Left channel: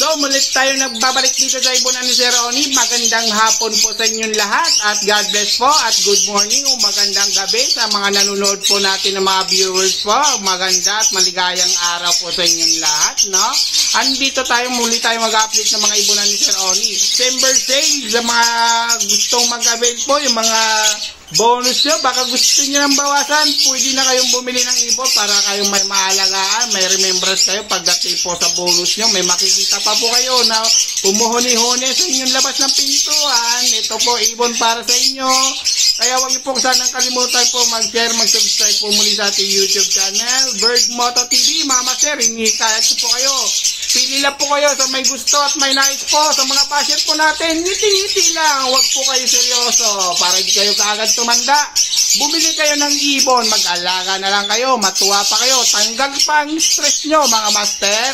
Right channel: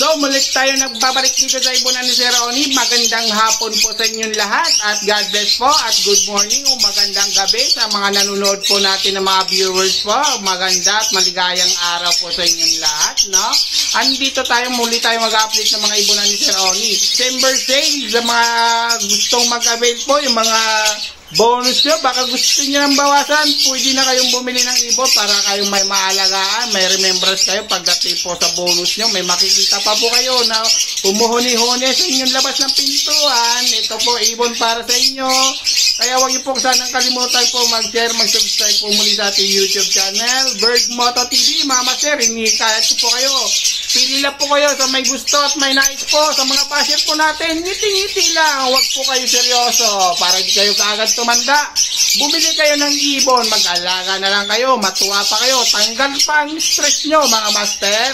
So, mulit tayo nagbabalik dito sa ibunan ni Sir Ronnie. Magandang hapon po sa inyong lahat at God bless po at good morning o magandang gabi sa mga nanonood po natin ng mga viewers po. Maganda at maligayang araw po sa inyong lahat, no? Andito tayo, muli tayo mag-update ng mga ibunan ni Sir Ronnie. December sale, sa mga gustong mag-avail po, yung mga bonus nyo, baka gusto nyo ng bawasan, pwede na kayong bumili ng ibon para kayong may maalagaan, may remembrance kayo pagdating po sa bonus nyo, may makikita pa po kayo na umuhuni-huni sa inyong labas ng pintuan. Ito po, ibon para sa inyo. Kaya huwag niyo po sanang kalimutan po mag-share, mag-subscribe po muli sa ating YouTube channel, Bird Moto TV. Mama Sir, hinihikayat po kayo. Pili lang po kayo sa may gusto at may nais po sa mga basher po natin. Ngiti-ngiti lang, huwag po kayo seryoso para di kayo kaagad tumanda. Bumili kayo ng ibon, mag-alaga na lang kayo, matuwa pa kayo, tanggal pa ang stress nyo mga master.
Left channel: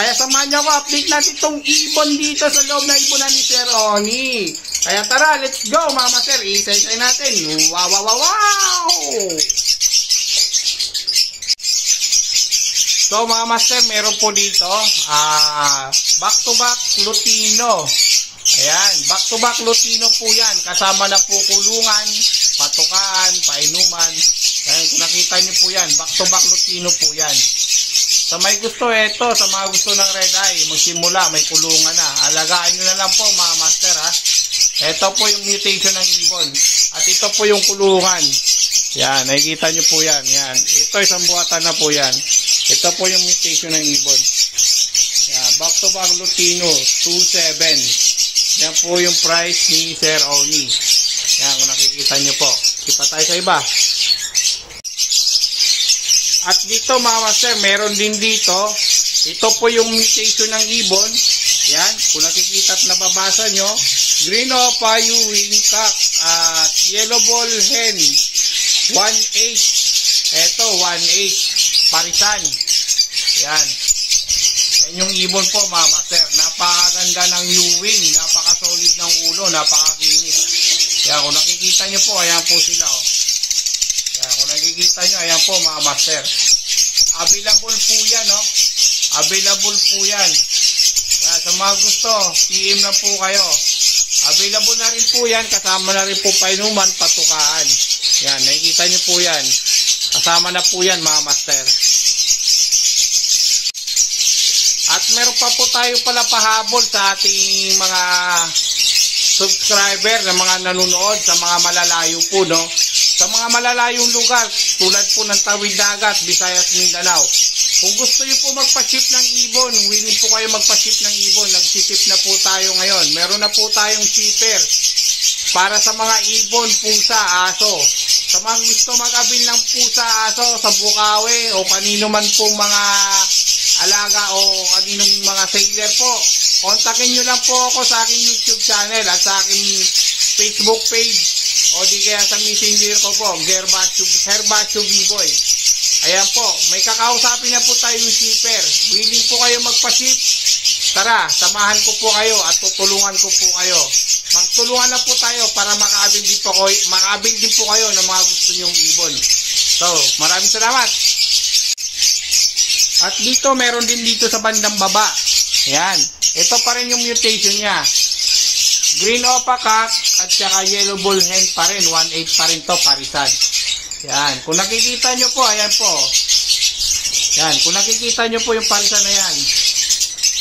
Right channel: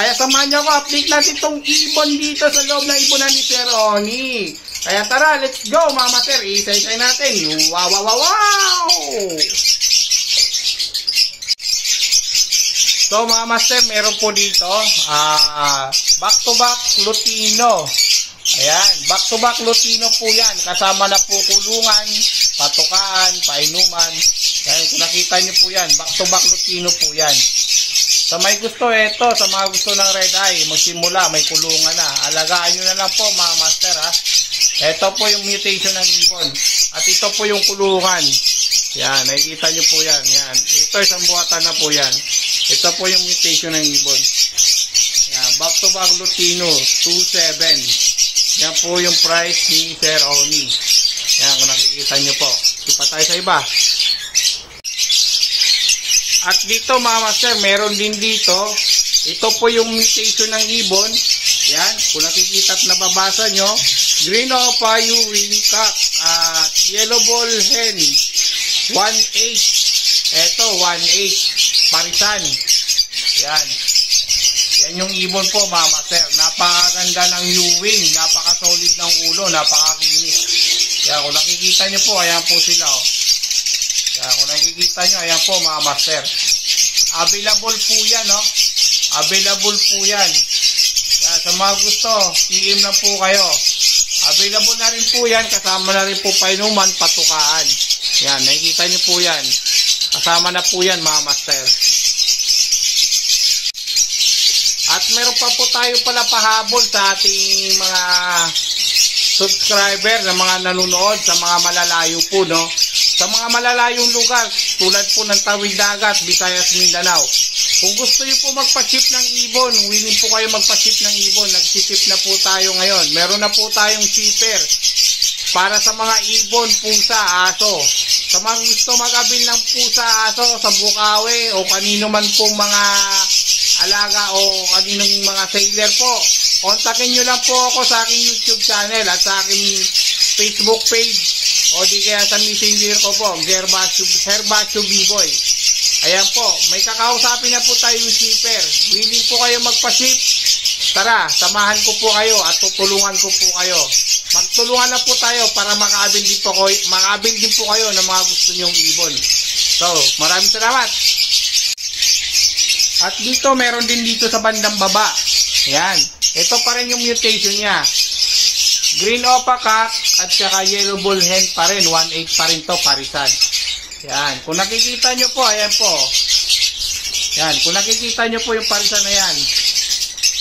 Kaya samahan nyo ako, update natin itong ibon dito sa loob ng ibonan ni Sir Ronnie. Kaya tara, let's go mga master, isa-isay natin. Wow, wow, wow, wow! So mga master, meron po dito back-to-back Lutino. Ayan, back-to-back Lutino po yan. Kasama na po kulungan, patukaan, painuman. Ayan, kung nakita nyo po yan, back-to-back Lutino po yan. Sa may gusto, eto, sa mga gusto ng red eye, magsimula, may kulungan na. Alagaan nyo na lang po mga master ha. Ito po yung mutation ng ibon. At ito po yung kulungan. Yan, nakikita nyo po yan. Yan. Ito isang buwatan na po yan. Ito po yung mutation ng ibon. Yan, back to back Lutino 27. Yan po yung price ni Sir Ronnie. Yan, kung nakikita nyo po. Sipa tayo sa iba. At dito mga master, meron din dito. Ito po yung mutation ng ibon. Yan, kung nakikita at nababasa nyo. Green Opa, Ewing Cock at Yellow Ball Hen 1.8. Ito 1.8 parisan. Yan. Yan yung ibon po mga master. Napakaganda ng Ewing, napaka-solid ng ulo, napakakinis. Yan, kung nakikita nyo po, ayan po sila oh. Yan, kung nakikita nyo, ayan po mga master. Available po yan oh. Available po yan. Yan, sa mga gusto, PM na po kayo. Available na rin po yan, kasama na rin po painuman, patukaan. Yan, nakikita nyo po yan. Kasama na po yan mga master. At meron pa po tayo pala pahabol sa ating mga subscriber na mga nanonood sa mga malalayo po, no? Sa mga malalayong lugar, tulad po ng Tawid Dagat, Visayas, Mindanao. Kung gusto niyo po magpa-ship ng ibon, willing po kayo magpa-ship ng ibon, nagsiship na po tayo ngayon. Meron na po tayong shipper para sa mga ibon, pusa, aso. Sa mga gusto mag-abil ng pusa, aso, sa Bukawi o kanino man pong mga alaga o kaninong mga sailor po, kontakin nyo lang po ako sa aking YouTube channel at sa aking Facebook page o di kaya sa messenger ko po, Gervasio B-Boy. Ayan po, may kakausapin na po tayong shipper. Willing po kayo magpa-ship. Tara, samahan ko po kayo at tutulungan ko po kayo. Magtulungan na po tayo para makaabil din po kayo ng mga gusto nyong ibon. So, maraming salamat. At dito, meron din dito sa bandang baba. Ayan, ito pa rin yung mutation niya. Green Opa Cock at saka Yellow Ball Hen pa rin. 1.8 pa rin to, parisan. Yan, kung nakikita nyo po, ayan po. Yan, kung nakikita nyo po yung parisan na yan.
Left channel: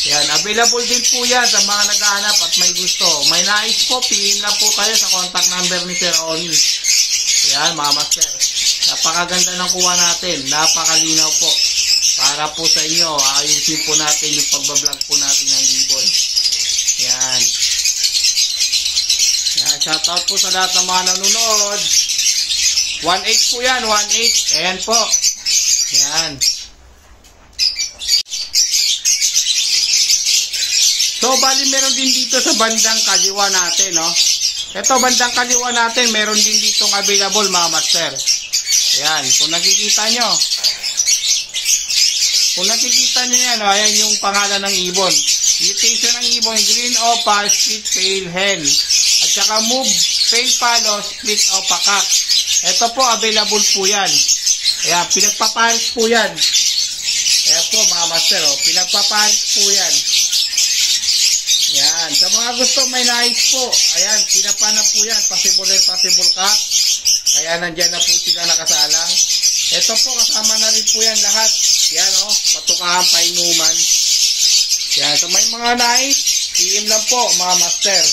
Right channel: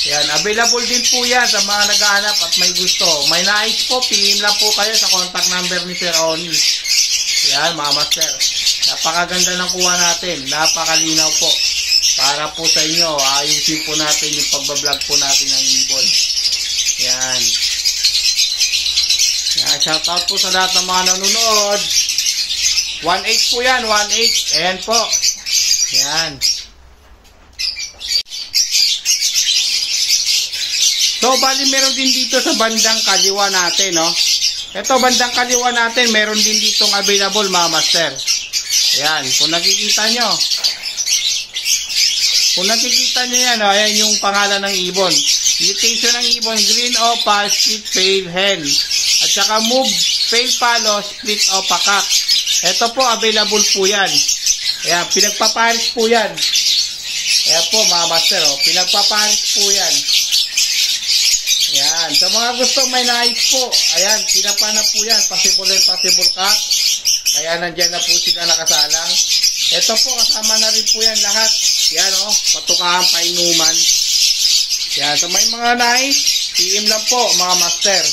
Yan, available din po yan sa mga naghahanap at may gusto. May nais po, PM lang po kayo sa contact number ni Sir Ronnie. Yan, mga master. Napakaganda ng kuha natin. Napakalinaw po. Para po sa inyo, ayusin po natin yung pagbablog po natin ng ibon. Yan. Yan, shoutout po sa lahat ng mga nanonood. 1.8 po yan, 1.8. Ayan po. Yan. So, bali meron din dito sa bandang kaliwa natin, no? Ito, bandang kaliwa natin, meron din ditong available, mga master. Ayan, kung nakikita nyo. Kung nakikita nyo yan, ayan yung pangalan ng ibon. Mutation ng ibon, Green Opa, Split Pale Hen. At saka Move, Pale Palo, Split Opa Cock. Ito po, available po yan. Ayan, pinagpaparis po yan. Ayan po mga master, oh, pinagpaparis po yan. Yan. Sa mga gusto may nais po, ayan, tinapa na po yan. Possible and possible cock. Kaya nandyan na po sila nakasalang. Ito po, kasama na rin po yan lahat. Yan o, patukahan, painuman. Yan. So may mga nais, PM lang po mga master.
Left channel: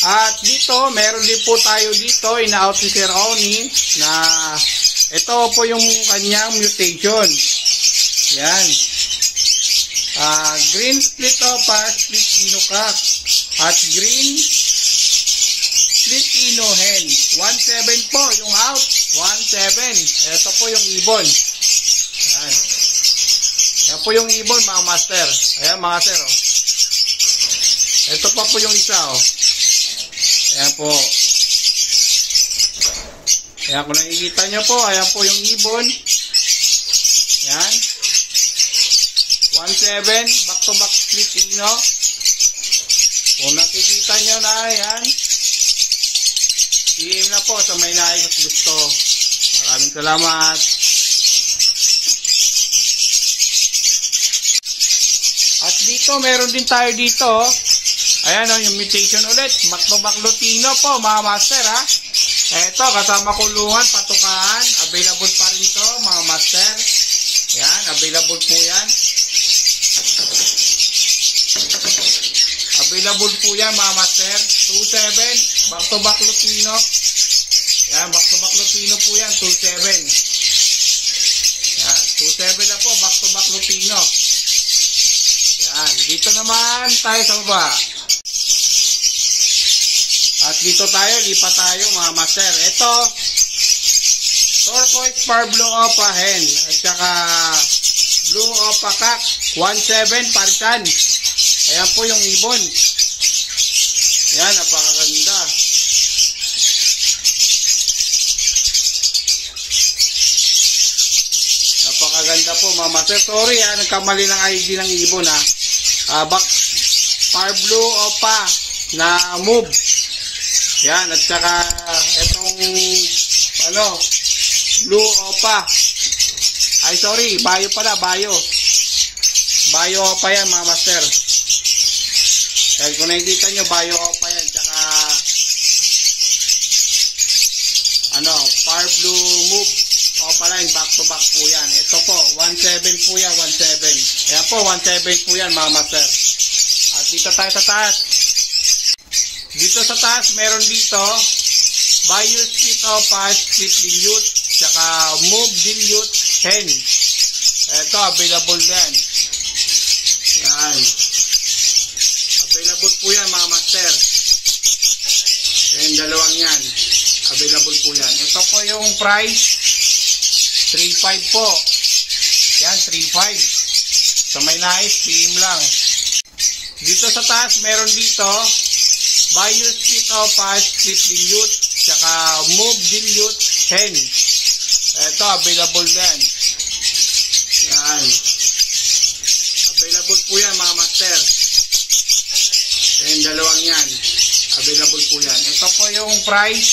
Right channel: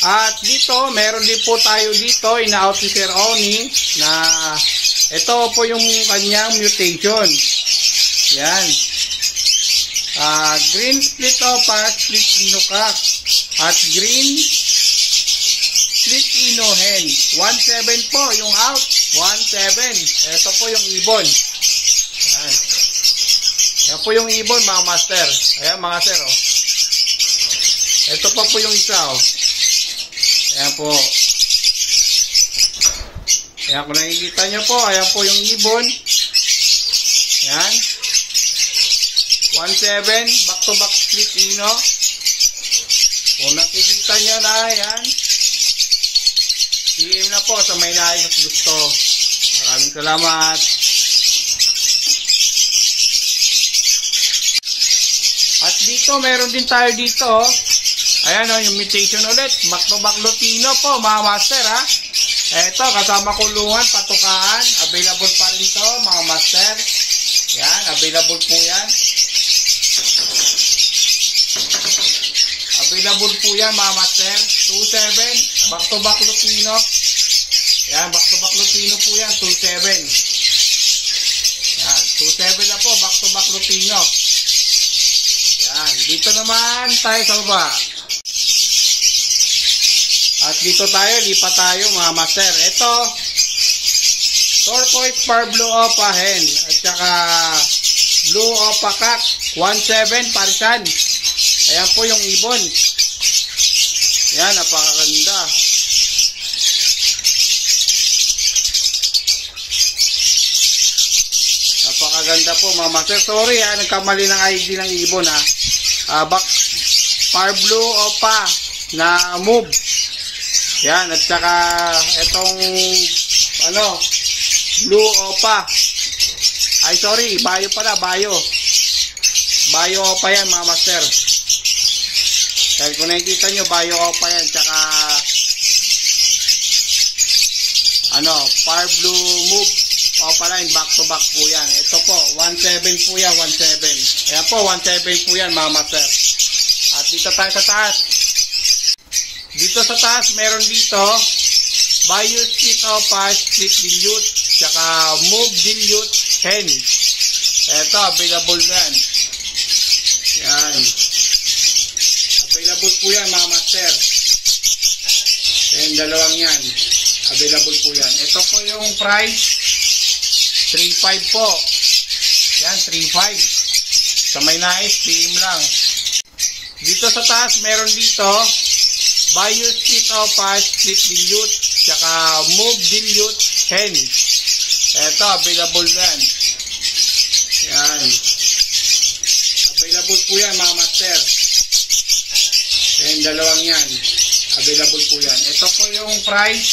At dito, meron din po tayo dito, ina-out ni Sir Oni, na ito po yung kanyang mutation. Yan. Green split opa, split ino cock. At green split ino hen. 1.7 po yung out. 1.7. Ito po yung ibon. Yan. Yan po yung ibon mga master. Ayan mga sir. Oh. Ito pa po yung isa. Oh. Ayan po. Ayan kung nakikita nyo po. Ayan po yung ibon. Ayan. 1.7. Back to back split ino. Kung nakikita nyo na. Ayan. PM na po sa may nais at gusto. Maraming salamat. At dito, meron din tayo dito. Ayan o, yung mutation ulit. Back to back Lutino po, mga master ha. Eto, kasama kulungan, patukaan. Available pa rin to, mga master. Yan, available po yan. Available po yan, mga master. 2.7, back to back Lutino. Yan, back to back Lutino po yan, 2.7. Yan, 2.7 na po, back to back Lutino. Yan, dito naman tayo sa baba. At dito tayo, lipat tayo mga master. Ito, turquoise par blue opa hen. At saka blue opa cock. 1.7 parisan. Ayan po yung ibon. Yan, napakaganda. Napakaganda po mga master. Sorry ha, nagkamali ng ID ng ibon ha. Back par blue opa na move. Yan, at saka itong ano, blue opa. Ay sorry, bayo pala, bayo. Bayo opa yan mga master. Kaya kung nakikita nyo, bayo opa yan. Tsaka ano, par blue move. Opa line, back to back po yan. Ito po, 1.7 po yan, 1.7. Ayan po, 1.7 po yan mga master. At dito tayo sa taas. Dito sa taas, meron dito, Bayou split opa, split dilute, tsaka move dilute hen. Ito, available yan. Yan. Available po yan mga master. Yung dalawang yan. Available po yan. Ito po yung price. 3.5 po. Yan, 3.5. Sa may nais, PM lang. Dito sa taas, meron dito, Bayou split opa, split dilute, tsaka move dilute hen. Ito, available yan. Yan. Available po yan mga master. Yung dalawang yan. Available po yan. Ito po yung price.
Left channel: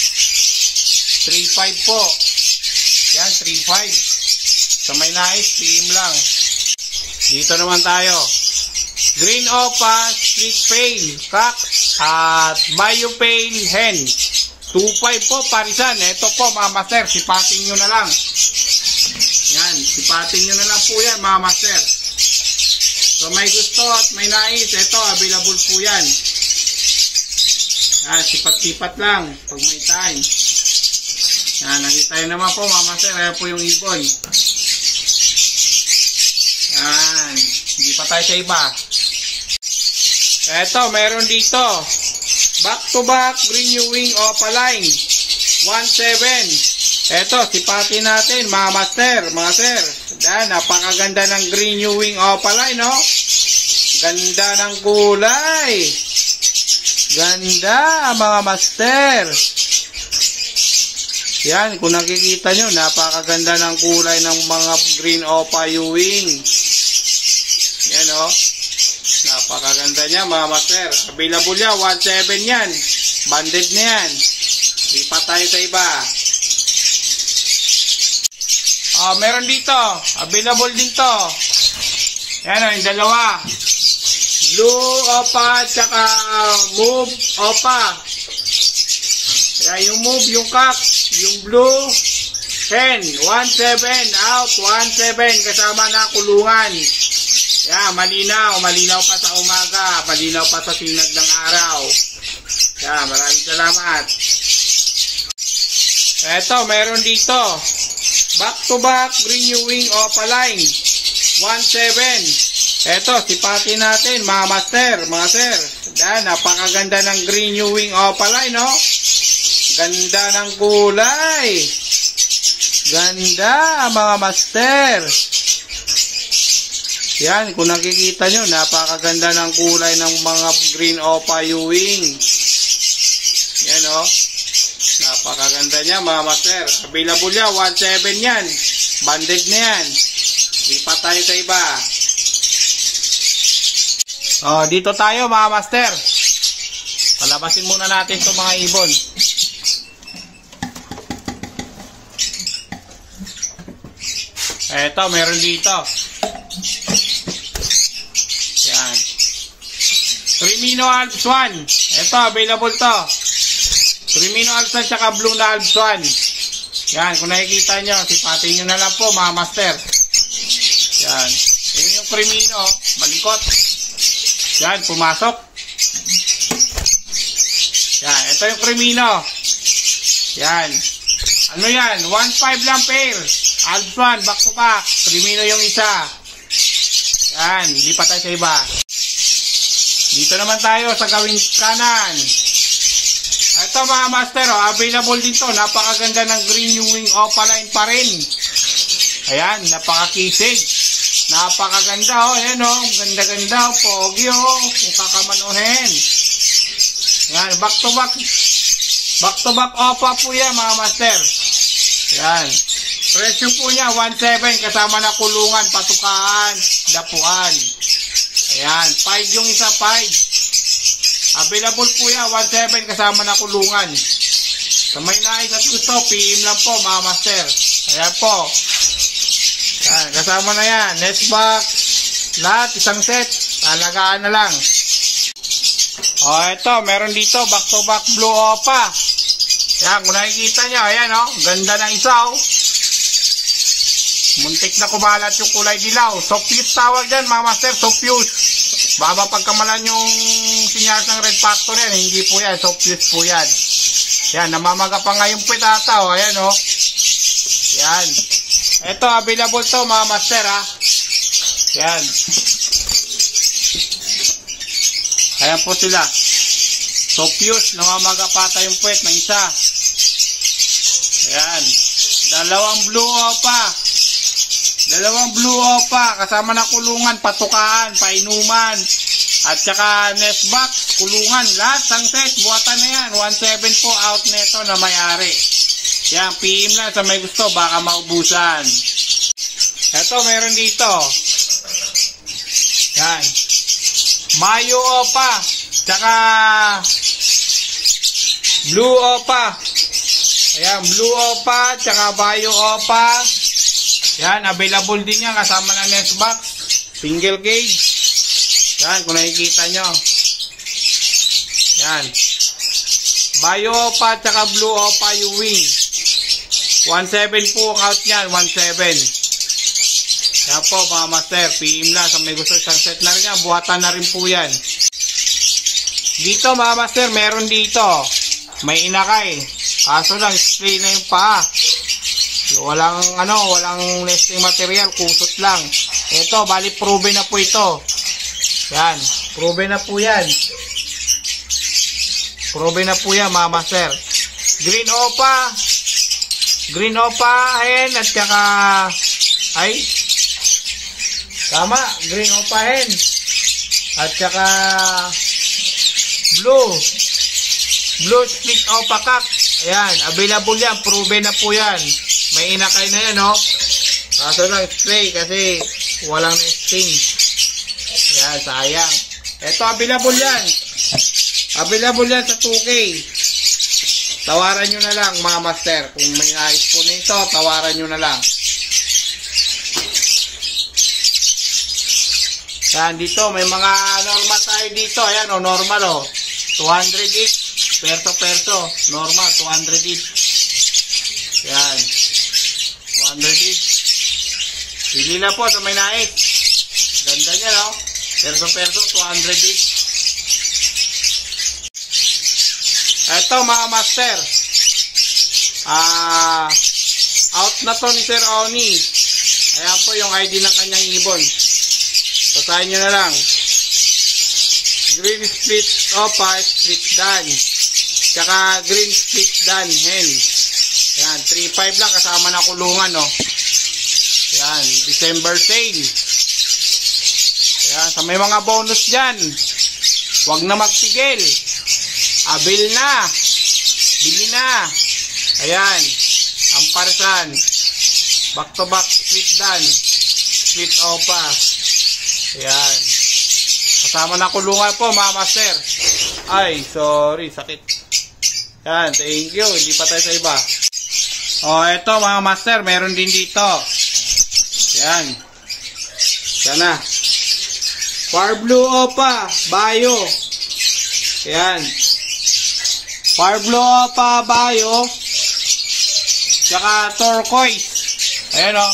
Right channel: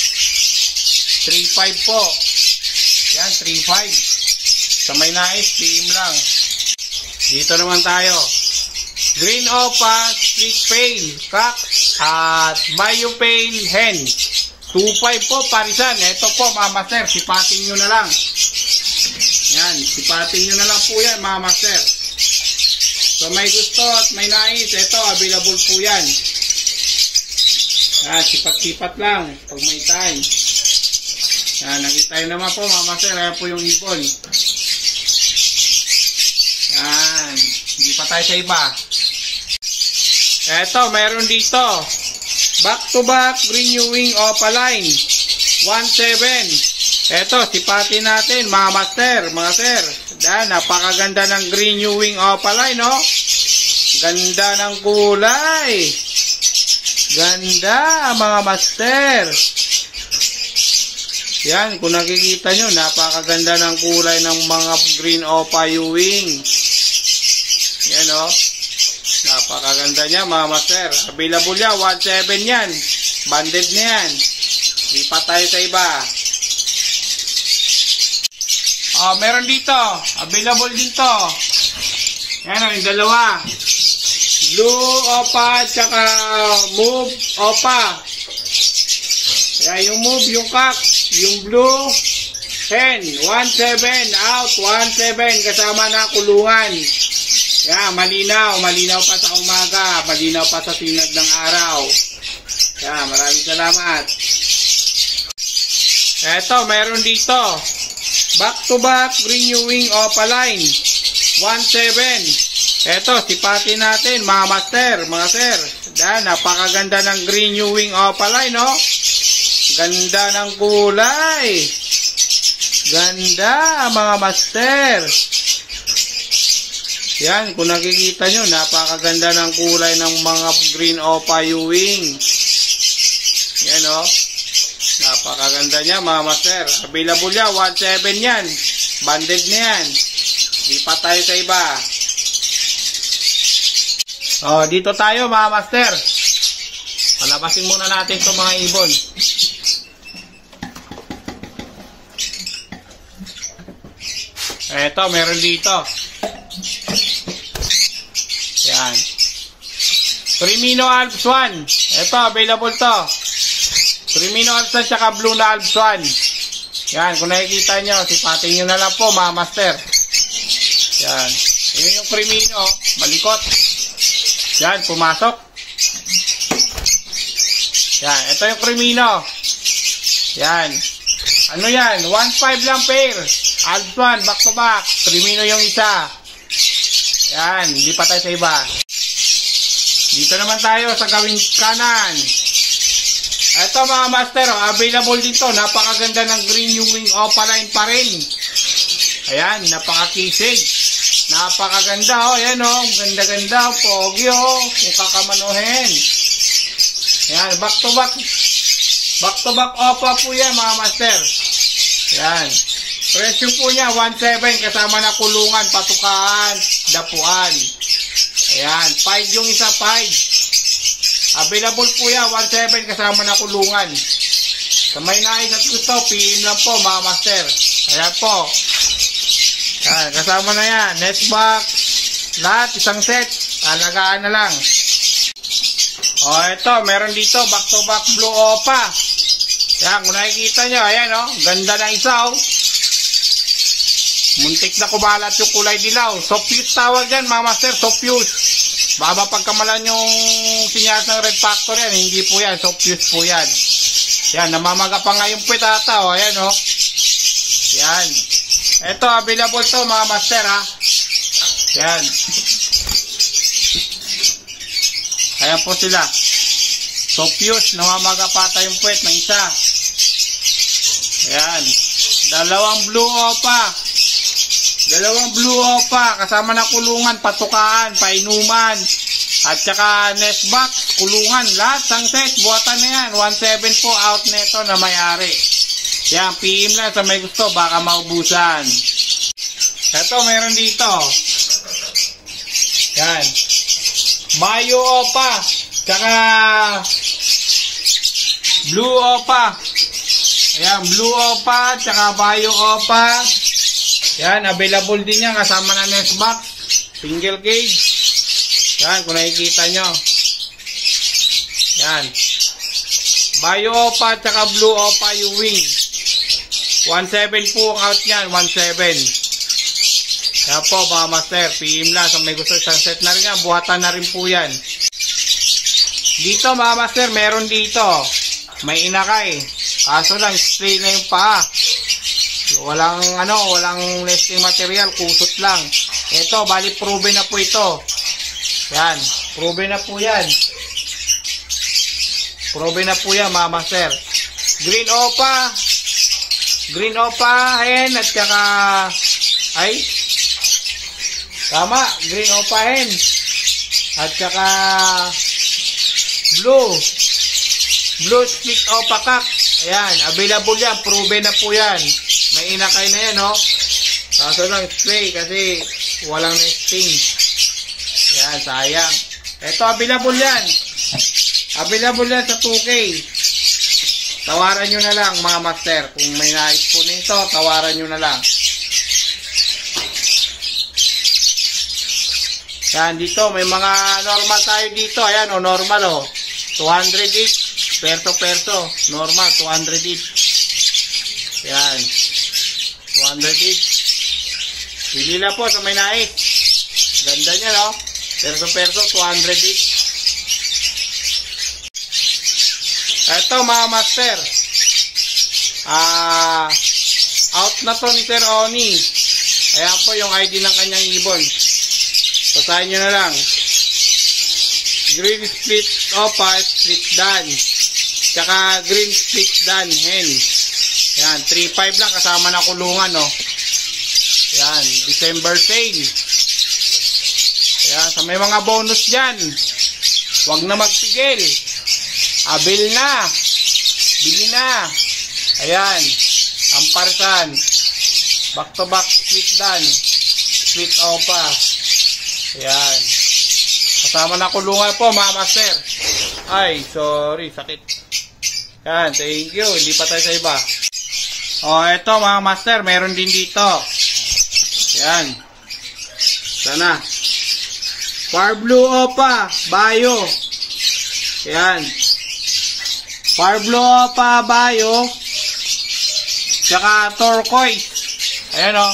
3.5 po. Yan, 3.5. Sa may nais, PM lang. Dito naman tayo. Green opa, split pale, cock, at Bayou pale hen. 2.5 po, parisan. Ito po mga master, sipatin nyo na lang. Yan, sipatin nyo na lang po yan mga master. So may gusto at may nais, ito, available po yan. Yan, sipat-sipat lang pag may time. Yan, nakita nyo naman po mga master, ayan po yung ibon. Yan, hindi pa tayo sa iba. Eto, meron dito. Back to back renewing opa line. 1.7. Eto, sipatin natin mga master, mga sir. Yan, napakaganda ng renewing opa line, no? Ganda ng kulay. Ganda, mga master. Yan, kung nakikita nyo, napakaganda ng kulay ng mga green opa Ewing. Yan, no? Napakaganda niya mga master. Available yan, 1.7 yan. Banded na yan. Lipat tayo sa iba. Meron dito. Available din to. Yan o, yung dalawa. Blue Opa, tsaka Move Opa. Kaya yung Move, yung Kak, yung Blue Hen, 1-7 out, 1-7 kasama na kulungan. Yan, malinaw pa sa umaga, malinaw pa sa sinag ng araw. Yan, maraming salamat. Eto, meron dito. Back to back, Green New Wing Opaline, 1-7. Eto, sipatin natin mga master, mga sir. Yan, napakaganda ng Green New Wing Opaline, no? Ganda ng kulay. Ganda, mga master. Yan, kung nakikita nyo, napakaganda ng kulay ng mga Green Opa Ewing. Yan, o. Napakaganda niya, mga master. Available yan, 1-7 yan. Banded na yan. Lipat tayo sa iba. O, dito tayo, mga master. Palabasin muna natin itong mga ibon. Eto, meron dito. Yan. Crimino Alps 1. Eto, available to. Crimino Alps 1 tsaka Blue na Alps 1. Yan, kung nakikita nyo, sipatin nyo na lang po, mga master. Yan. Yun yung Crimino, malikot. Yan, pumasok. Yan, ito yung Crimino. Yan. Ano yan? 1-5 lang pair. Alps 1, back to back. Crimino yung isa. Yan, lipat tayo sa iba. Dito naman tayo sa gawing kanan. Ito mga master, oh, available dito. Napakaganda ng Green New Wing Opaline pa rin. Ayan, napakakisig. Napakaganda, oh. Ayan, oh. Ganda-ganda, pogi, oh. Kung kakamanuhin. Ayan, back to back. Back to back Opa po yan, mga master. Ayan. Presyo po niya, 1-7 kasama na kulungan, patukaan, dapuan. Ayan, 5 yung isa, 5. Available po yan, 1-7 kasama na kulungan. Sa may nais at gusto, PM lang po, mga master. Ayan po. Ayan, kasama na yan. Nest box, lahat, isang set. Alagaan na lang. O, ito, meron dito, back to back Blue Opa. Ayan, kung nakikita nyo, ayan, oh, ganda ng isaw. Muntik na kumalat yung kulay dilaw. Sofuse tawag dyan, mga master. Sofuse. Baba pagkamalan yung sinyas ng Red Factor yan. Hindi po yan. Sofuse po yan. Yan. Namamaga pa nga yung petata. O. Ayan o. Yan. Ito. Available to, mga master ha. Yan. Ayan po sila. Sofuse. Namamaga pata yung puwet ng isa. Ayan. Dalawang Blue Opa. Dalawang Blue Opa, kasama na kulungan, patukaan, painuman, at saka nest box, kulungan, lahat, sang set, buhatan na yan, 1-7 po out neto na may-ari. Yan, PM lang sa may gusto, baka maubusan. Ito, meron dito. Yan. Mayo Opa, saka Blue Opa. Ayan, Blue Opa, saka Bayo Opa. Yan, available din yan kasama na nest box. Single cage. Yan, kung nakikita nyo. Yan. Bayo Opa tsaka Blue Opa yung wing. 1-7 po ang out nyan. 1-7. Yan po mga master. PM lang. Sa may gusto isang set na rin yan. Buhatan na rin po yan. Dito mga master, meron dito. May inakay. Kaso lang, stray na yung paa. Walang walang nesting material, kusot lang. Ito, bali proven na po ito. Yan, proven na po yan. Proven na po yan, mga master. Green Opa. Green Opa, hen, at saka tama, Green Opa hen. At saka Blue Split Opa Kak. Ayan, available yan, proven na po yan. May inakay na yan, no? Kaso lang, spray kasi walang nesting. Yan, sayang. Ito, available yan. Available yan sa 2K. Tawaran nyo na lang, mga master. Kung may nais po nito, tawaran nyo na lang. Yan, dito, may mga normal tayo dito. Ayan, o, normal, o. 200 each. Perso. Normal, 200 each. Yan. 200 each. Pili lang po sa may nais. Ganda niya, no? Perso, 200 each. Eto, mga master. Out na to ni Sir Oni. Ayan po yung ID ng kanyang ibon. Basahin nyo na lang. Green split opa, split dan. Tsaka green split dan, hen. Ayan, 3.5 lang kasama na kulungan, no. Ayan, December sale. Ayan, sa may mga bonus dyan. Huwag na magpigil. Abil na. Bili na. Ayan, ang parisan. Back to back split dan. Split opa. Ayan. Kasama na kulungan po, mga master. Ay, sorry, sakit. Yan, thank you. Hindi pa tayo sa iba. O, eto mga master, meron din dito. Yan. Sana. Far Blue Opa, Bayo. Yan. Far Blue Opa, Bayo. Tsaka Turquoise. Ayan o.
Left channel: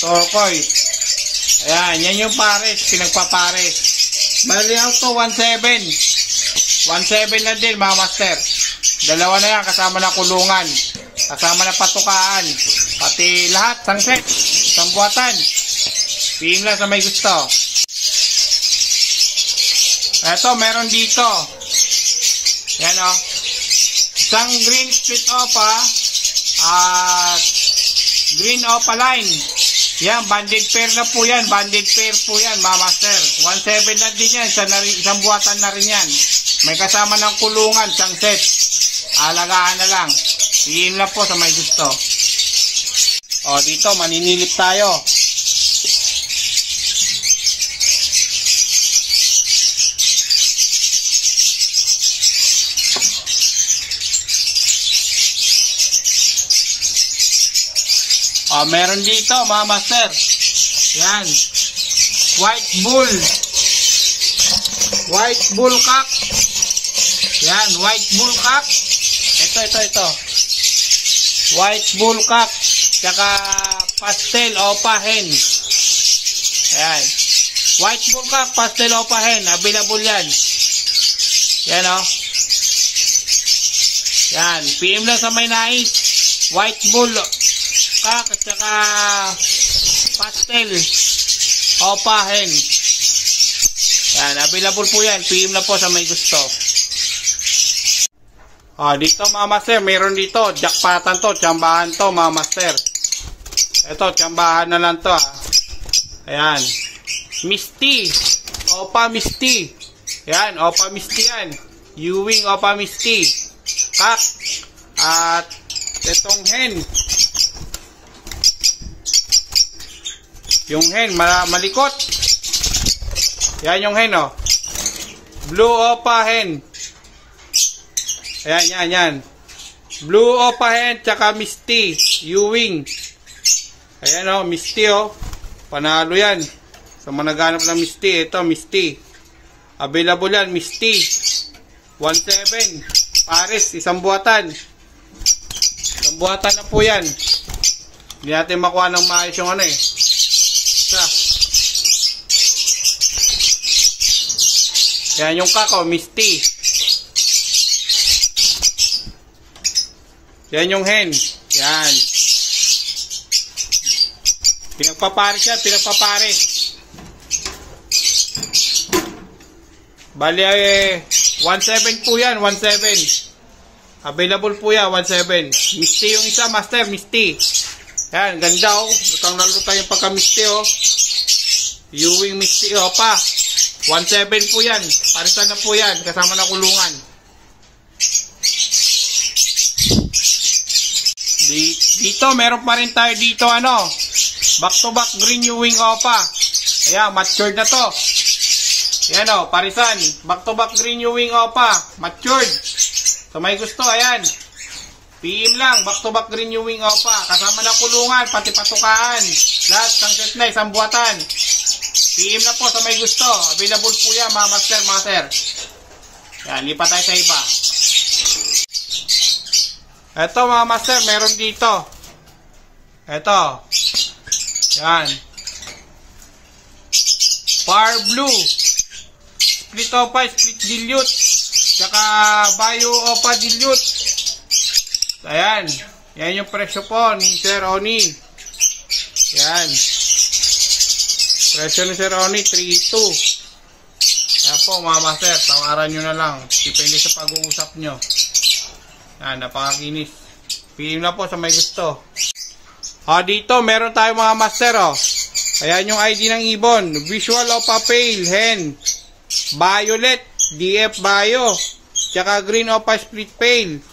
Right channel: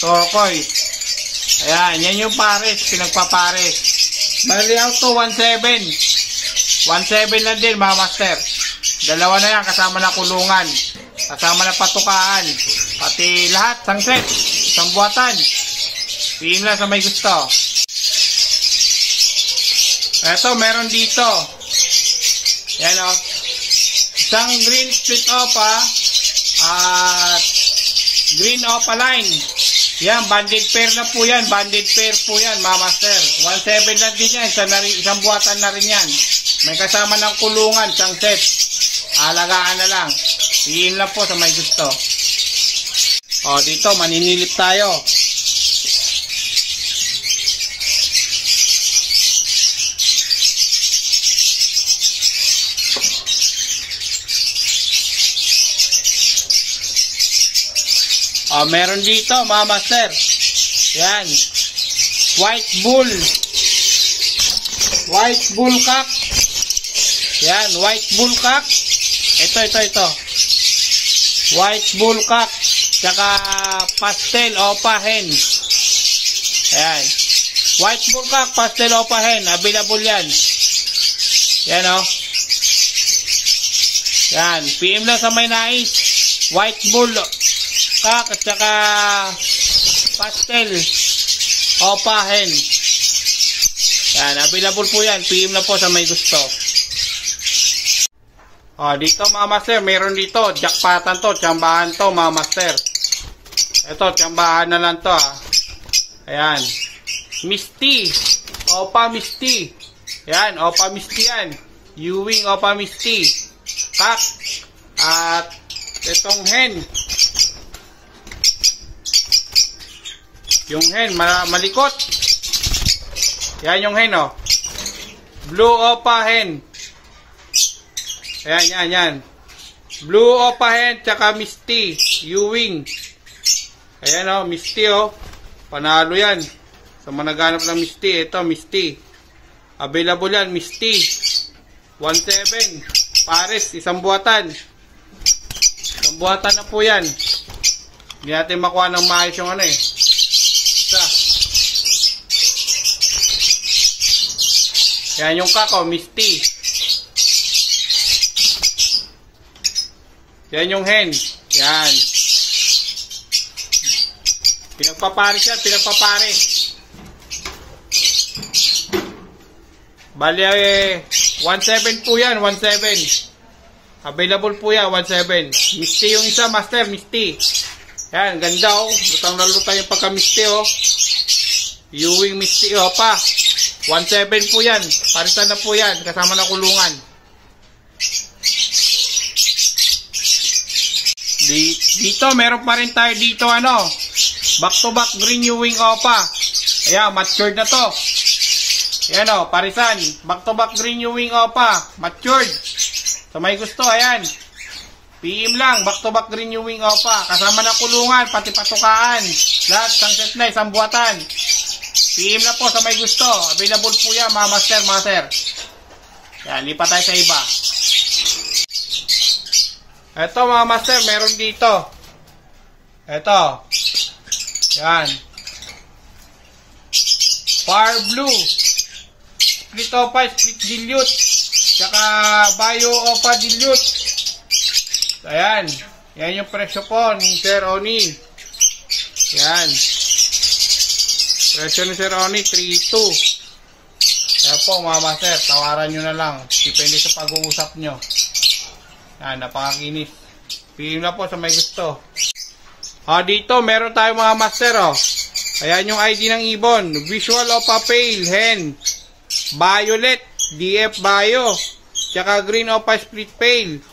Turquoise. Ayan, yan yung pares, pinagpapares. Bali out to 1.7. 1.7 lang din, mga master. Dalawa na yan, kasama na kulungan. Kasama na patukaan. Pati lahat, isang set. Isang buwatan. PM lang sa may gusto. Eto, meron dito. Yan o. Isang green split opa. At green opa line. Yan, banded pair na po yan. Banded pair po yan, mga master. 1.7 lang din yan. Isang buwatan na rin yan. May kasama ng kulungan, isang set. Alagaan na lang. Iin lang po sa may gusto. O, dito, maninilip tayo. Meron dito, mga master. Yan. White bull. White bull cock. Yan, white bull cock. Ito. White bull cock. Tsaka pastel opa hen. Ayan. White bull cock, pastel opa hen. Available yan. Yan o. Yan. PM lang sa may nais. White bull cock at saka pastel opa hen. Yan, available po yan. PM na po sa may gusto. Dito mga master, meron dito jackpotan to, tsambahan to mga master. Ito, tsambahan na lang to Ayan. Misty. Opa Misty. Ayan, opa Misty yan. Ewing opa Misty. Cock. At itong hen. Yung hen, malikot. Yan yung hen, o. Blue opa hen. Ayan, yan. Blue opa hen, tsaka Misty. Ewing. Ayan, o. Misty, o. Panalo yan. Sa managanap ng Misty, ito, Misty. Available yan, Misty. 1.7. Pares, isang buwatan. Isang buwatan na po yan. Hindi natin makuha ng maayos yung ano, Yan yung kako, Misty. Yan yung hen. Yan. Pinagpapares yan, pinagpapares. Bali, 1.7 po yan, 1.7. Available po yan, 1.7. Misty yung isa, master, Misty. Yan, ganda o. Lutang-lutang yung pagka-Misty o. Ewing Misty o pa. 1.7 po yan. Parisan na po yan. Kasama na kulungan. Dito, meron pa rin tayo dito back to back green Ewing opa. Ayan, matured na to. Ayan o, parisan. Back to back green Ewing opa. Matured. So may gusto, ayan. PM lang, back to back green Ewing opa. Kasama na kulungan, pati patukaan. Lahat, isang set na, isang buwatan. PM na po sa may gusto. Available po yan mga master, mga sir. Yan, lipat tayo sa iba. Ito mga master, meron dito. Ito. Yan. Far Blue. Split Opa, Split Dilute. Tsaka Bio Opa Dilute. Ayan. Yan yung presyo po ni Sir Oni. Yan. Presyo ni Sir Oni, 3.2. Kaya po mga master, tawaran nyo na lang. Depende sa pag-uusap nyo. Yan, napakakinis. PM na po sa may gusto. Dito, meron tayo mga master, Ayan yung ID ng ibon. Visual Opa Pale, Hen. Violet, DF Bio. Tsaka Green Opa Split Pale,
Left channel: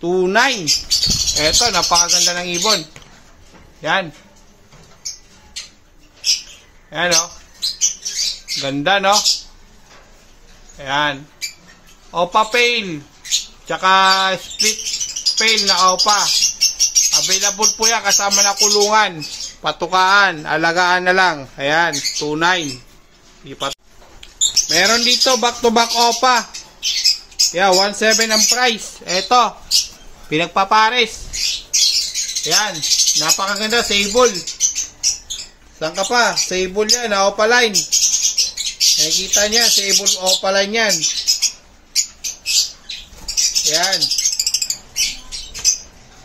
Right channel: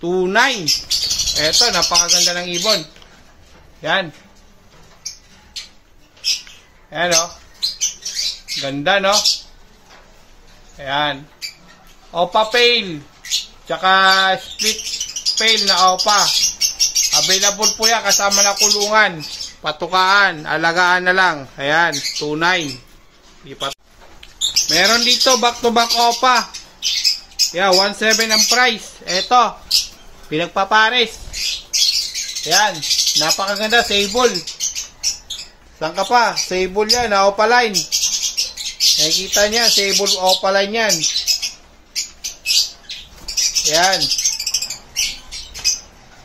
2.9. Eto, napakaganda ng ibon. Yan. Ayan, ganda, no? Ayan. Opa Pale. Tsaka Split Pale na Opa. Available po yan kasama na kulungan. Patukaan. Alagaan na lang. Ayan. 2.9. Meron dito back to back Opa. Yeah, 1.7 ang price. Eto. Pinagpapares. Ayan. Napakaganda. Sable. Saan ka pa? Sable yan. Opa line. Nakikita niya, Sable Opa line yan. Yan.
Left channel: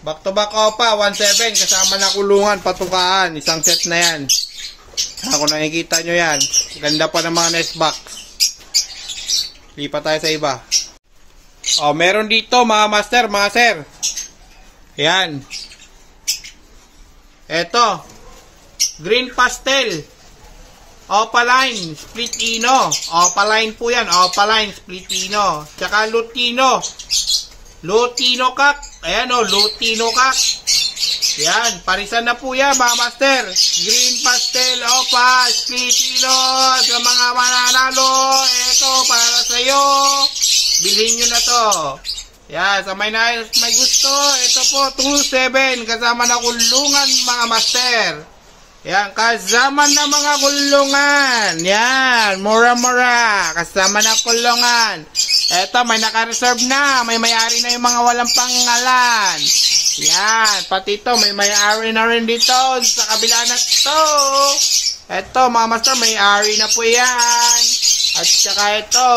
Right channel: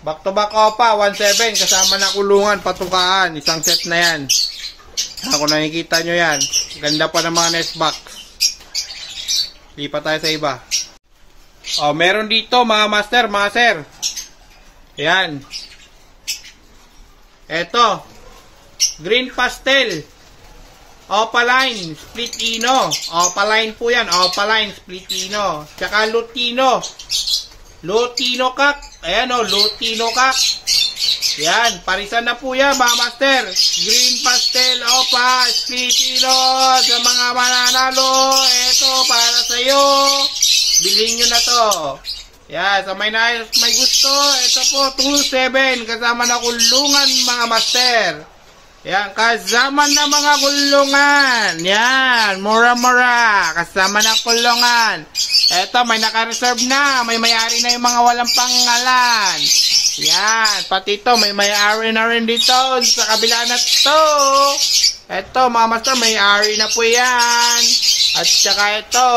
Back to back Opa, 1.7. Kasama na kulungan, patukaan. Isang set na yan. Kung nakikita nyo yan. Ganda pa ng mga nest box. Lipat tayo sa iba. Meron dito mga master, mga sir. Yan. Eto. Green Pastel. Opaline, Split Ino. Opaline po yan. Opaline, Split Ino. Tsaka Lutino. Lutino Kak. Ayan Lutino Kak. Yan. Parisan na po yan mga master. Green Pastel, Opa, Split Ino. Sa mga mananalo. Ito para sa iyo. Bilhin nyo na to. Yan. Sa may gusto. Ito po 2.7. Kasama na kulungan mga master. Yan, kasama na mga kulungan. Yan, mura-mura. Kasama na kulungan. Eto, may naka-reserve na. May may-ari na yung mga walang pangalan. Yan, pati ito, may may-ari na rin dito sa kabila na to. Eto, mga master, may-ari na po yan. At saka ito,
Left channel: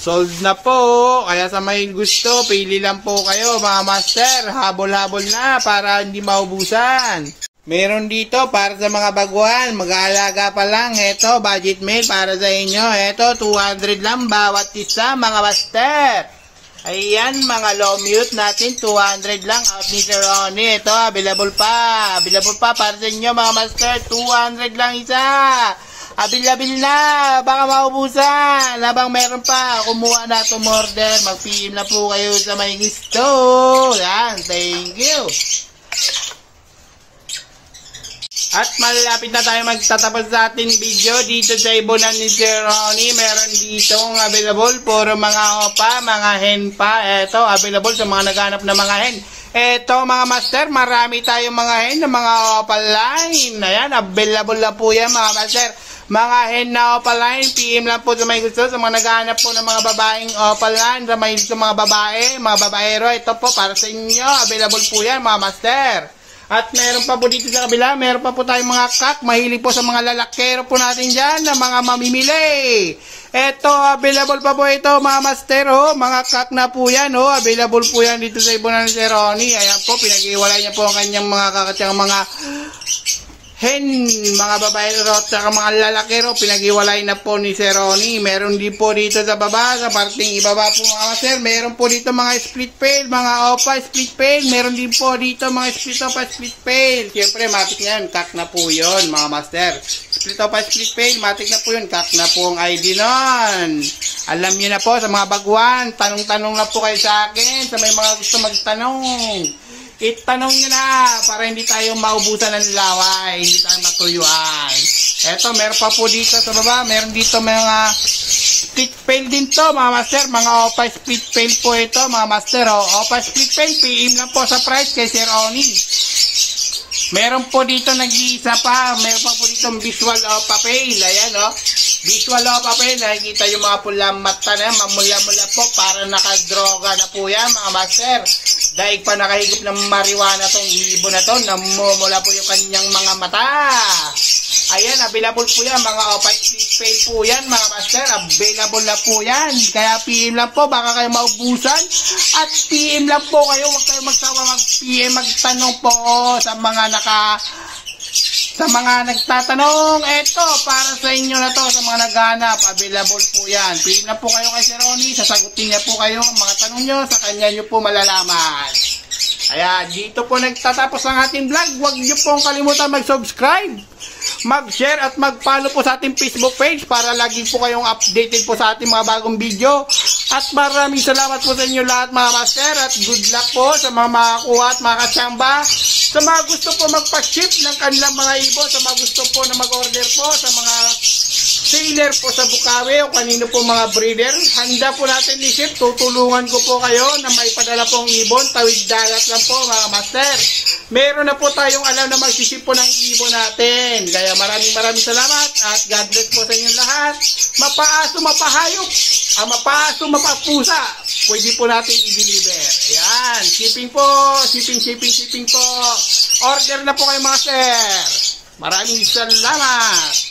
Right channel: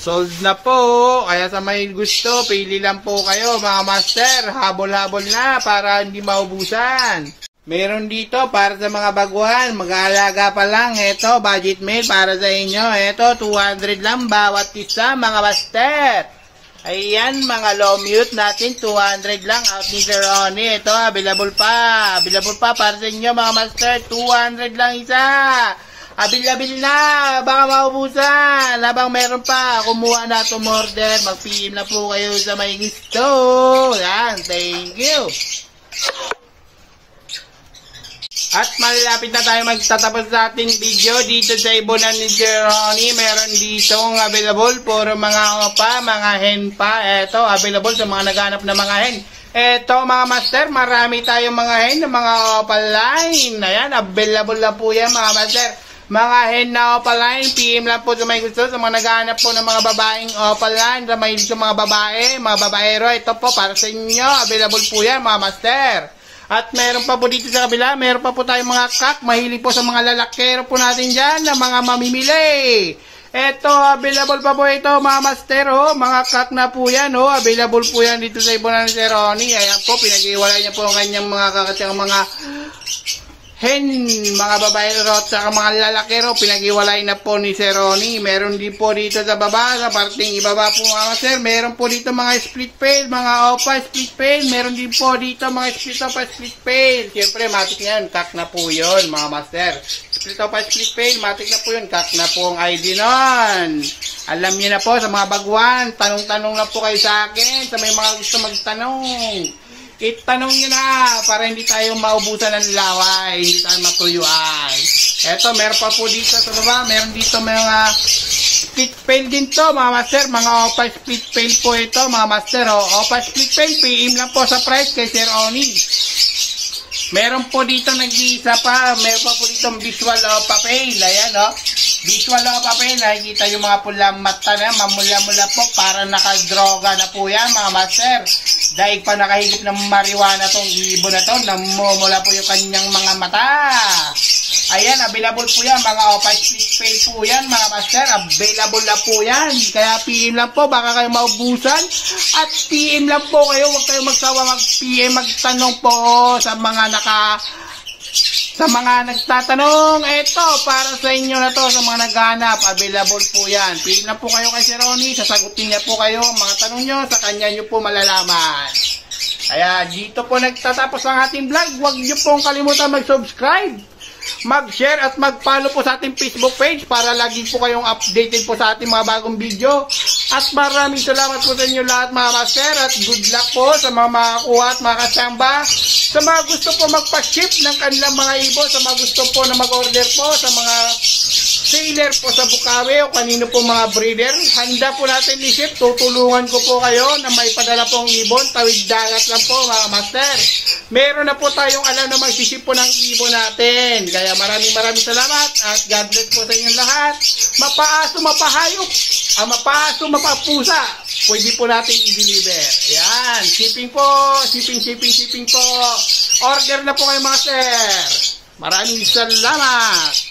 sold na po. Kaya sa may gusto, pili lang po kayo, mga master. Habol-habol na para hindi maubusan. Meron dito para sa mga baguhan, mag-aalaga pa lang. Ito, budget meal para sa inyo. Ito, 200 lang bawat isa, mga master. Ayan, mga low mute natin, 200 lang. Out ni Sir Ronnie. Ito, available pa. Available pa para sa inyo, mga master. 200 lang isa. Available na. Baka maubusan. Habang meron pa, kumuha na to order. Mag-PM na po kayo sa may gusto. Yan, thank you. At malapit na tayo magtatapos sa ating video dito sa ibonan ni Sir Ronnie. Meron dito available puro mga opa, mga hen pa. Ito, available sa mga naghanap na mga hen. Ito mga master, marami tayong mga hen na mga opa line. Ayan, available na po yan mga master. Mga hen na opa line, PM lang po sa may gusto. Sa mga naghanap po ng mga babaeng opa line, sa mga babae, mga babaero. Ito po para sa inyo, available po yan mga master. At meron pa po dito sa kabila, meron pa po tayong mga kak. Mahilig po sa mga lalakero po natin dyan, na mga mamimili. Eto, available pa po ito mga master, mga kak na po yan, available po yan dito sa ibonan ni Sir Ronnie. Ayan po, pinag-iwalay niya po ang kanyang mga kak at mga hen, mga babaero at saka mga lalakero, pinag-iwalay na po ni Sir Ronnie. Meron din po dito sa baba, sa parting ibaba po mga master, meron po dito mga split pail, mga opa split pail, meron din po dito mga split opa split pail. Siyempre, matik yan, kak na po yun mga master. Split opa split pail, matik na po yun, kak na po ang ID nun. Alam niyo na po sa mga baguhan, tanong-tanong na po kayo sa akin, sa may mga gusto magtanong. Itanong nyo na para hindi tayo maubusan ng laway, hindi tayo matuyuan. Eto, meron pa po dito sa baba, meron dito mga split pail din to, mga master, mga opa split pail po ito, mga master, opa split pail, PM lang po sa price kay Sir Ronnie. Meron po dito nag-iisa pa. Meron pa po dito visual o papel. Ayan o. Visual o papel. Nakikita yung mga pulang mata na mamula-mula po. Para nakadroga na po yan mga master. Dahil pa nakahigop ng marijuana tong ibon na to. Namumula po yung kanyang mga mata. Ayan, available po yan. Mga opaque pay po yan mga master. Available na po yan. Kaya PM lang po. Baka kayo maubusan. At PM lang po kayo. Huwag kayo magsawa mag-PM. Magtanong po sa mga nagtatanong. Eto, para sa inyo na to. Sa mga naghanap. Available po yan. PM lang po kayo kay Sir Ronnie. Sasagutin niya po kayo ang mga tanong nyo. Sa kanya nyo po malalaman. Kaya dito po nagtatapos ang ating vlog. Huwag nyo pong kalimutan mag-subscribe, mag-share at mag-follow po sa ating Facebook page para lagi po kayong updated po sa ating mga bagong video. At maraming salamat po sa inyo lahat mga master at good luck po sa mga makakuha at mga katsamba. Sa mga gusto po magpa-ship ng kanilang mga ibon, sa mga gusto po na mag-order po, sa mga sailor po sa Bukawi o kanino po mga breeder, handa po natin i-ship. Tutulungan ko po kayo na may padala pong ibon, tawid dagat lang po mga master. Meron na po tayong alam na mag-ship po ng ibon natin. Kaya maraming salamat at God bless po sa inyong lahat. Mapaaso, mapahayop, mapaaso, mapapusa, pwede po natin i-deliver. Ayan, shipping po, shipping po. Order na po kayo master. Maraming salamat.